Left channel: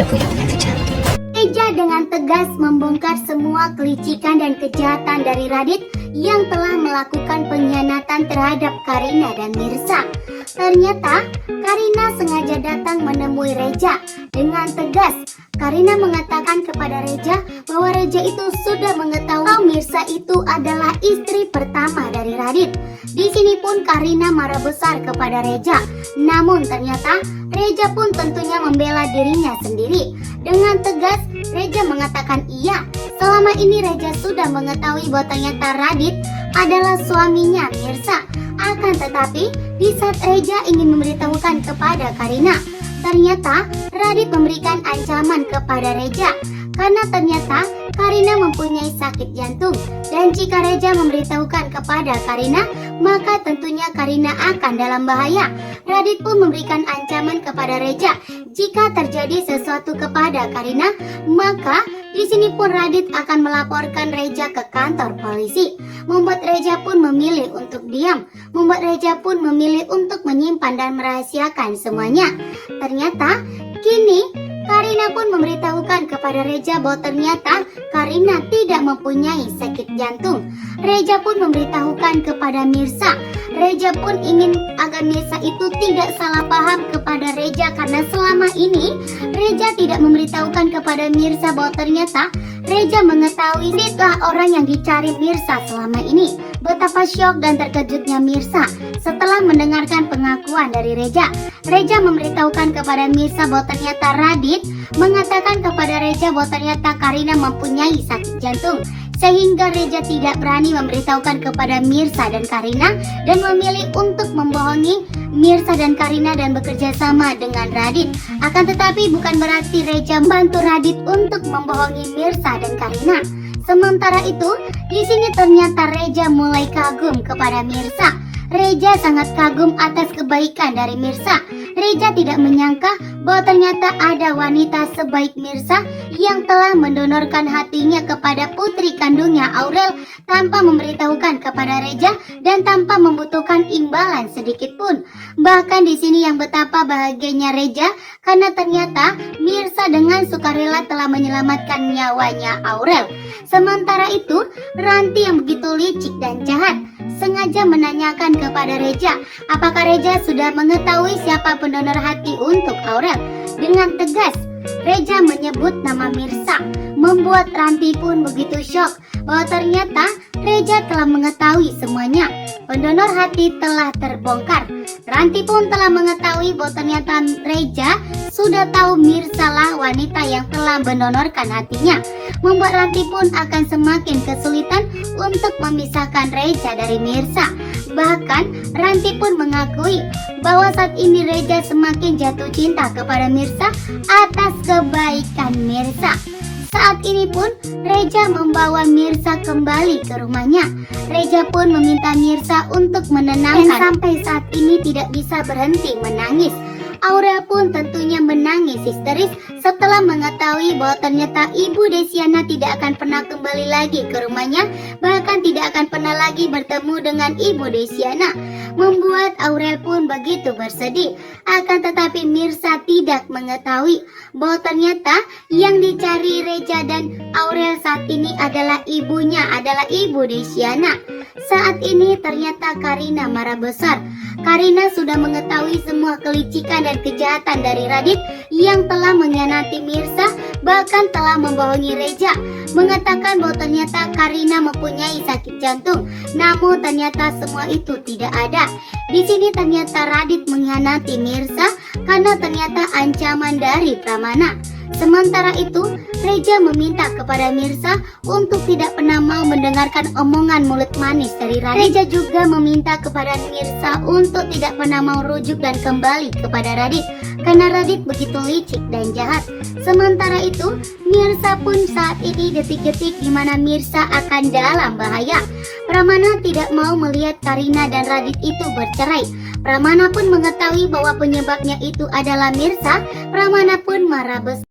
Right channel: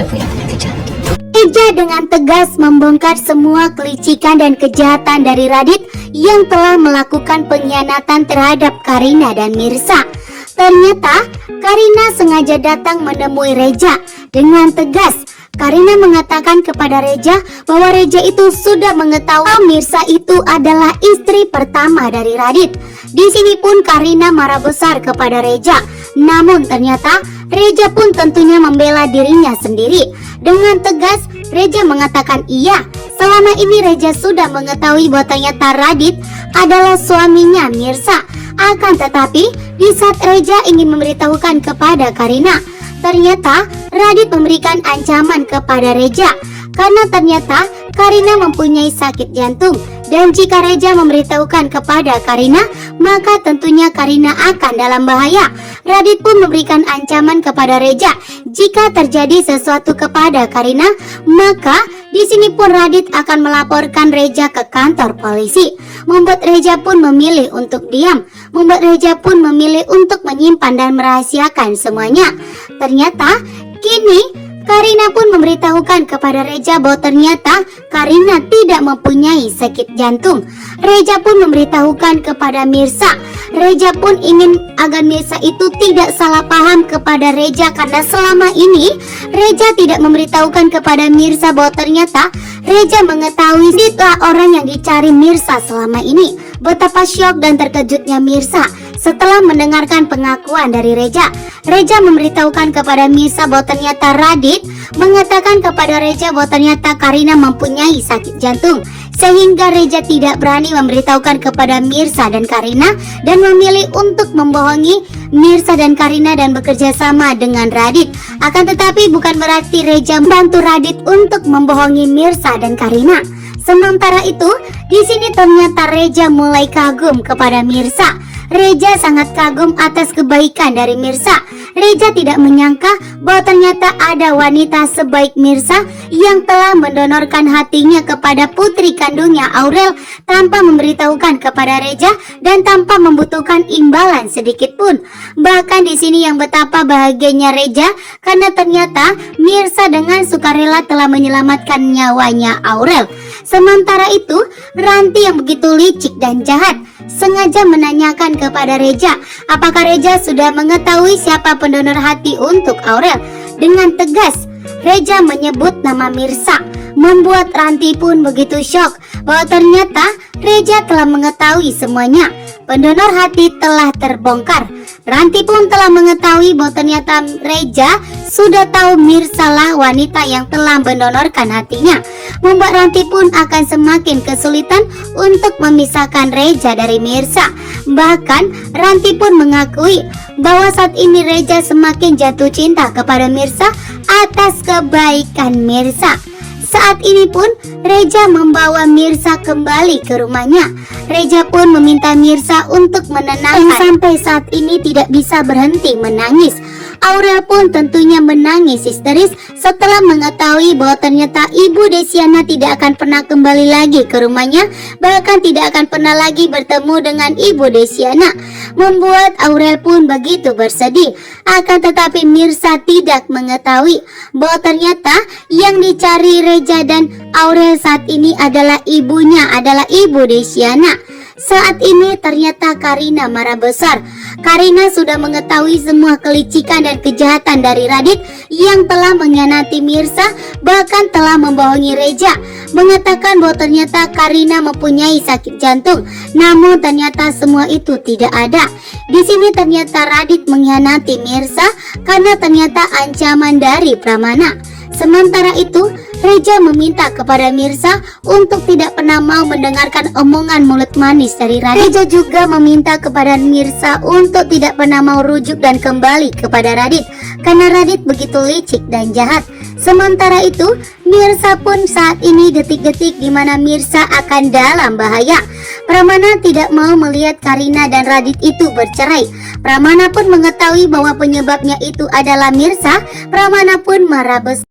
Reja dengan tegas membongkar semua kelicikan dan kejahatan dari Radit yang telah melakukan pengkhianatan terhadap Karina dan Mirsa. Ternyata Karina sengaja datang menemui Reja. Dengan tegas Karina mengatakan kepada Reja bahwa Reja itu sudah mengetahui Mirsa itu adalah istri pertama dari Radit. Di sini pun Karina marah besar kepada Reja. Namun ternyata Reja pun tentunya membela dirinya sendiri. Dengan tegas Reja mengatakan iya, selama ini Reja sudah mengetahui bahwa ternyata Radit adalah suaminya Mirsa. Akan tetapi di saat Reja ingin memberitahukan kepada Karina, ternyata Radit memberikan ancaman kepada Reja karena ternyata Karina mempunyai sakit jantung. Dan jika Reja memberitahukan kepada Karina, maka tentunya Karina akan dalam bahaya. Radit pun memberikan ancaman kepada Reja. Jika terjadi sesuatu kepada Karina, maka di sini pun Radit akan melaporkan Reja ke kantor polisi. Membuat Reja pun memilih untuk diam. Membuat Reja pun memilih untuk menyimpan dan merahasiakan semuanya. Ternyata kini Karina pun memberitahukan kepada Reja bahwa ternyata Karina tidak mempunyai sakit jantung. Reja pun memberitahukan kepada Mirsa. Reja pun ingin agar Mirsa itu tidak salah paham kepada Reja karena selama ini Reja tidak memberitahukan kepada Mirsa bahwa ternyata Reja mengetahui itulah orang yang dicari Mirsa selama ini. Betapa syok dan terkejutnya Mirsa setelah mendengarkan pengakuan dari Reja. Reja memberitahukan kepada Mirsa bahwa ternyata Radit mengatakan kepada Reja bahwa ternyata Karina mempunyai sakit jantung. Sehingga Reja tidak berani memberitahukan kepada Mirsa dan Karina dan memilih untuk membohongi Mirsa dan Karina dan bekerja sama dengan Radit. Akan tetapi bukan berarti Reja membantu Radit untuk membohongi Mirsa dan Karina. Sementara itu, di sini ternyata Reja mulai kagum kepada Mirsa. Reja sangat kagum atas kebaikan dari Mirsa. Reja tidak menyangka bahwa ternyata ada wanita sebaik Mirsa yang telah mendonorkan hatinya kepada putri kandungnya Aurel tanpa memberitahukan kepada Reja dan tanpa membutuhkan imbalan sedikit pun. Bahkan di sini yang betapa bahagianya Reja karena ternyata Mirsa dengan sukarela telah menyelamatkan nyawanya Aurel. Sementara itu, Ranti yang begitu licik dan jahat sengaja menanyakan kepada Reja apakah Reja sudah mengetahui siapa pendonor hati untuk Aurel. Dengan tegas Reja menyebut nama Mirsa, membuat Ranti pun begitu syok bahwa ternyata Reja telah mengetahui semuanya. Pendonor hati telah terbongkar. Ranti pun telah mengetahui bahwa ternyata Reja sudah tahu Mirsa lah wanita yang telah mendonorkan hatinya. Membuat Ranti pun akan semakin kesulitan untuk memisahkan Reja dari Mirsa. Bahkan Ranti pun mengakui bahwa saat ini Reja semakin jatuh cinta kepada Mirsa atas kebaikan Mirsa. Saat ini pun Reja membawa Mirsa kembali ke rumahnya. Reja pun meminta Mirsa untuk menenangkan sampai saat ini tidak bisa berhenti menangis. Aurel pun tentunya menangis histeris setelah mengetahui bahwa ternyata Ibu Desiana tidak akan pernah kembali lagi ke rumahnya, bahkan tidak akan pernah lagi bertemu dengan Ibu Desiana. Membuat Aurel pun begitu bersedih. Akan tetapi Mirsa tidak mengetahui bahwa ternyata yang dicari Reja dan Aurel saat ini adalah ibunya, adalah Ibu Desiana. Saat ini ternyata Karina marah besar. Karina sudah mengetahui semua kelicikan dan kejahatan dari Radit yang telah mengkhianati Mirsa, bahkan telah membohongi Reja, mengatakan bahwa ternyata Karina mempunyai sakit jantung. Namun ternyata semua itu tidak ada. Di sini ternyata Radit mengkhianati Mirsa karena ternyata ancaman dari Pramana. Sementara itu, Reja meminta kepada Mirsa untuk tidak pernah mau mendengarkan omongan mulut manis dari Radit. Reja juga meminta kepada Mirsa untuk tidak pernah mau rujuk dan kembali kepada Radit karena Radit begitu licik dan jahat. Sementara itu, Mirsa pun saat ini detik-detik di mana Mirsa akan dalam bahaya. Pramana tidak mau melihat Karina dan Radit itu bercerai. Pramana pun mengetahui bahwa penyebabnya itu adalah Mirsa. Pramana pun marah besar.